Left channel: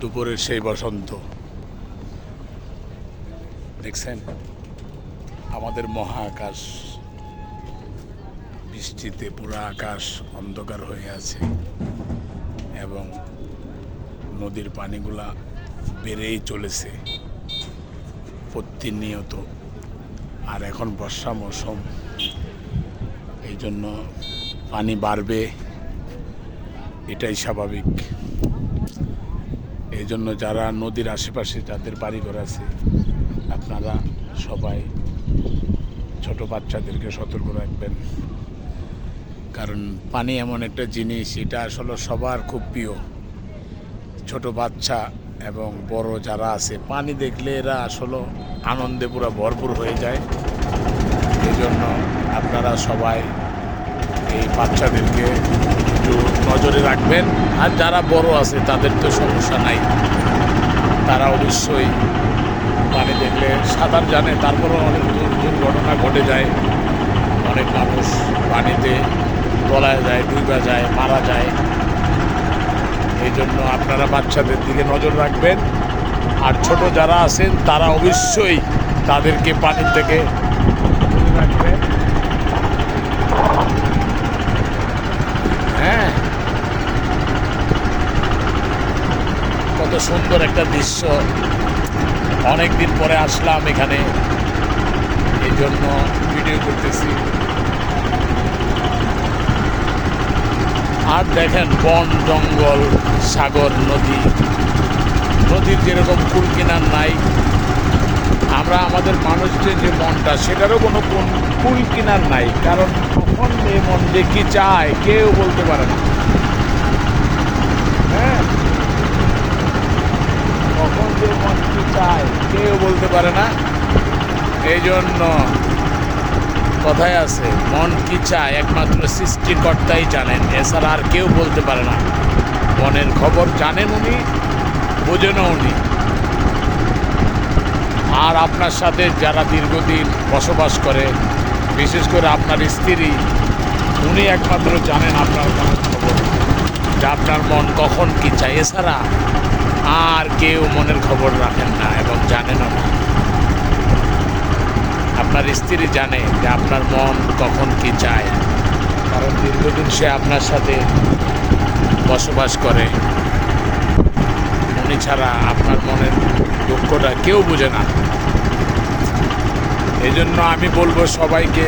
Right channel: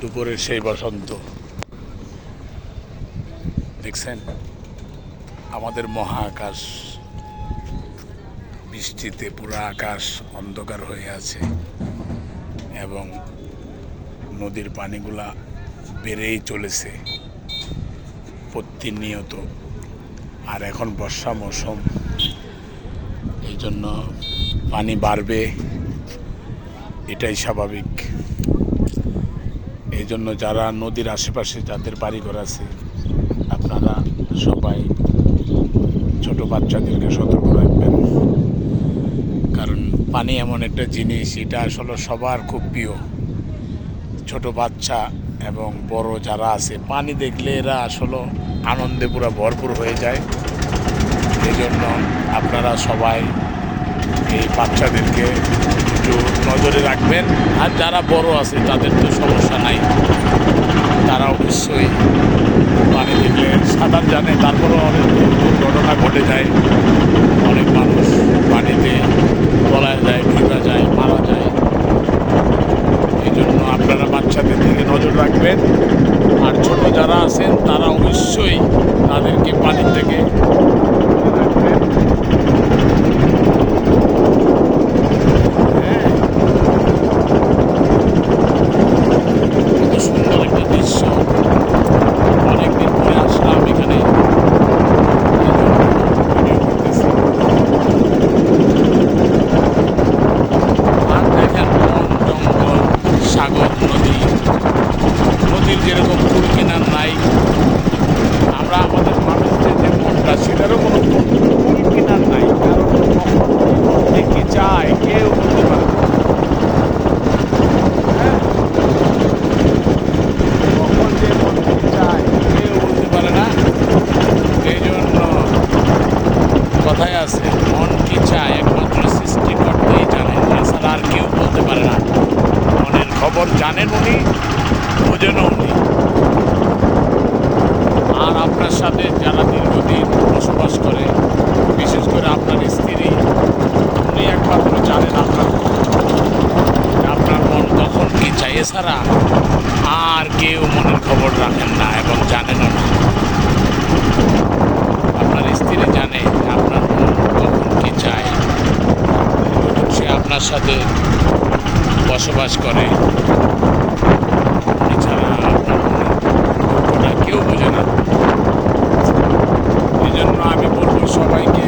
দুপুরের সেই বসন্ত দেখছেন, আমাদের মহাকাশ বৃষ্টিতে পুরো আকাশ অন্ধকার হয়ে আছে এবং নদীর পানিগুলা বেড়েই চলেছে প্রতিনিয়ত। আর এখন বর্ষা মৌসুম, এই জন্য পানি বাড়বে, এটাই স্বাভাবিক। এই জন্য যারা নদীর আশেপাশে যাদের বাড়িঘর আছে, আপনারা সবাই ছোট বাচ্চাদেরকে সতর্ক রাখবেন, কারণ পানি এমন একটা জিনিস, এটা আসলে সবার খুব প্রিয়। ছোট বাচ্চা এবং বড় যারা আছে, পানি দেখলে এরা আসলে আনন্দে পুরো ভরপুর হয়ে যায়। এই জন্য আপনারা সবাই এই বাচ্চাদেরকে একটু নজরে রাখবেন। আর যারা বড় আছে তাদের তো সমস্যা নাই, তারা অবশ্যই পানি দেখলে সাঁতার জানে, তারপরেও অনেক দুর্ঘটনা ঘটে যায়। অনেক মানুষ পানিতে তলায় যায়, ডুবে যায়, মারা যায়। এই জন্য আপনারা বাচ্চাদের দিকে নজর রাখবেন। আর ছোট যারা আছেন তারা অবশ্যই তাদেরকে পানির থেকে রাখবেন। হ্যাঁ, কত সুন্দর একটা দৃশ্য, অনেকদিন পরে আসলাম এখানে, এই জন্য ভিডিও করতেছি। আর দেখেন বন জঙ্গল, সাগর, নদীর যেরকম কুল কিনার নাই, আমরা আমাদের মানুষদের যে মনটা, সেটারও কোনো কুল কিনার নাই। কারণ কখন এই মন যে কি চায় কেউ বলতে পারে না। হ্যাঁ, কখন যে মন কি চায় কেউ বলতে পারে না। এই জন্য কথায় আছে, মন কি চায় একমাত্র সৃষ্টিকর্তাই জানেন, এছাড়া আর কেউ বলতে পারে না। মনের খবর জানেন উনি, বোঝেনও উনি। আর আপনার সাথে যারা দীর্ঘদিন বসবাস করে, বিশেষ করে আপনার স্ত্রী, উনি একমাত্র জানেন আপনার মনের খবর, যে আপনার মন কখন কি চায়। এছাড়া আর কেউ মনের খবর রাখেন না এবং জানেনও না। আপনার স্ত্রী জানে যে আপনার মন কখন কি চায়, কারণ দীর্ঘদিন সে আপনার সাথে বসবাস করে। উনি ছাড়া আপনার মনের দুঃখটা কেউ বোঝে না। এই জন্য আমি বলবো সবাইকে,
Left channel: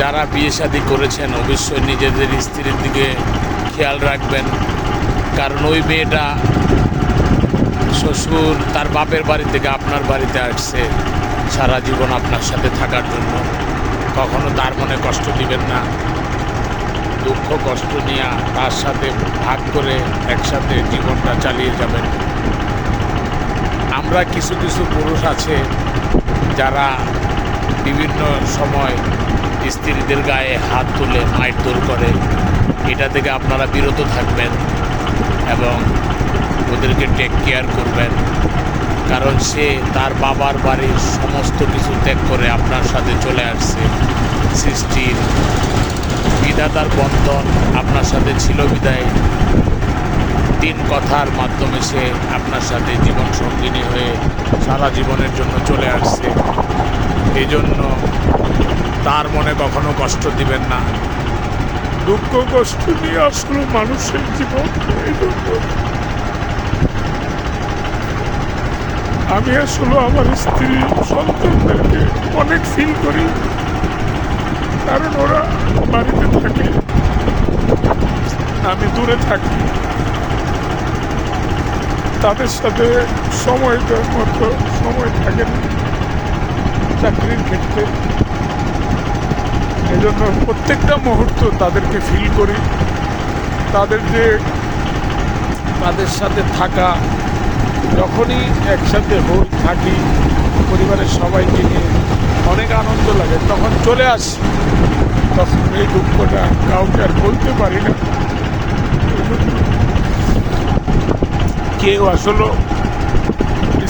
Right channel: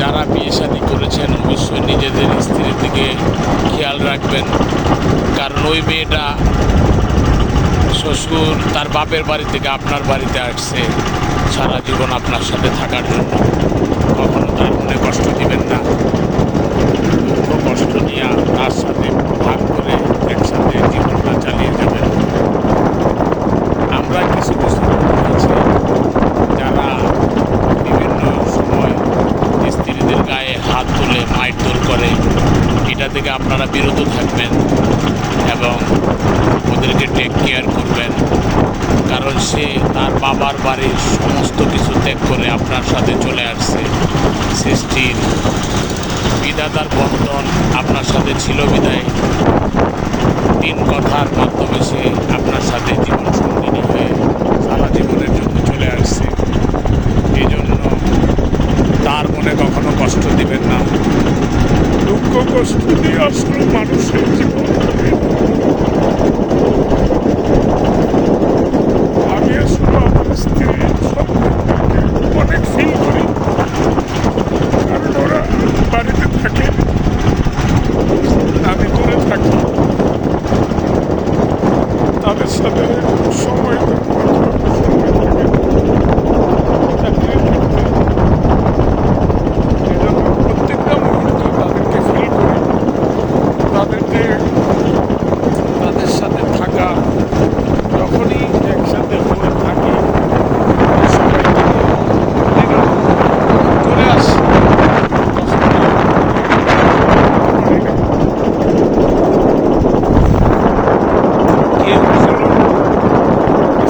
যারা বিয়ে শাদী করেছেন অবশ্যই নিজেদের স্ত্রীর দিকে খেয়াল রাখবেন। কারণ ওই মেয়েটা শ্বশুর তার বাপের বাড়ি থেকে আপনার বাড়িতে আসছে সারা জীবন আপনার সাথে থাকার জন্য। কখনো তার মনে কষ্ট দিবেন না, দুঃখ কষ্ট নিয়ে তার সাথে ভাগ করে একসাথে জীবনটা চালিয়ে যাবেন। আমরা কিছু কিছু পুরুষ আছে যারা বিভিন্ন সময় স্ত্রীদের গায়ে হাত তুলে মারধর করে, এটা থেকে আপনারা বিরত থাকবেন এবং ওদেরকে টেক কেয়ার করবেন। কারণ সে তার বাবার বাড়ির সমস্ত কিছু ত্যাগ করে আপনার সাথে চলে আসছে। সৃষ্টির বিধাতার বন্ধন আপনার সাথে ছিল বিদায় 3 কথার মাধ্যমে সে আপনার সাথে জীবন সঙ্গিনী হয়ে সারা জীবনের জন্য চলে আসছে। এই জন্য তার মনে কখনো কষ্ট দিবেন না। দুঃখ কষ্ট দিয়ে আসলে মানুষের জীবন। আমি আসলে আমার স্ত্রী সন্তানদেরকে অনেক ফিল করি, কারণ ওরা বাড়িতে থাকে, আমি দূরে থাকি। তাদের সাথে সময় দেওয়ার মতো সময় থাকে না চাকরির ক্ষেত্রে। এই জন্য প্রত্যেকটা মুহূর্ত তাদেরকে ফিল করি। তাদের সাথে থাকা, যখনই একসাথে থাকি পরিবারের সবাইকে নিয়ে অনেক আনন্দ লাগে। যখন চলে আসি তখন এই দুঃখটা বলতে পারি না। কেউ আসলে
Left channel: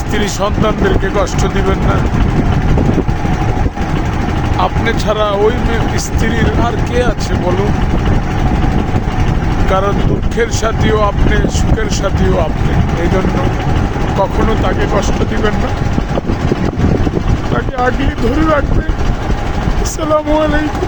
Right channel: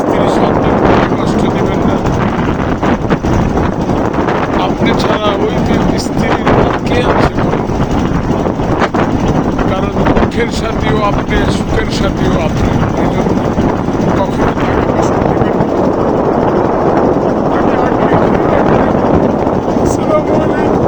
স্ত্রী সন্তানদেরকে কষ্ট দিবেন না। আপনি ছাড়া ওই মেয়ের স্ত্রীর আর কে আছে বলুন? কারণ দুঃখের সাথীও আপনি, সুখের সাথীও আপনি। এই জন্য কখনো তাকে কষ্ট দিবেন না, তাকে আগে ধরে রাখবেন। আসসালামু আলাইকুম।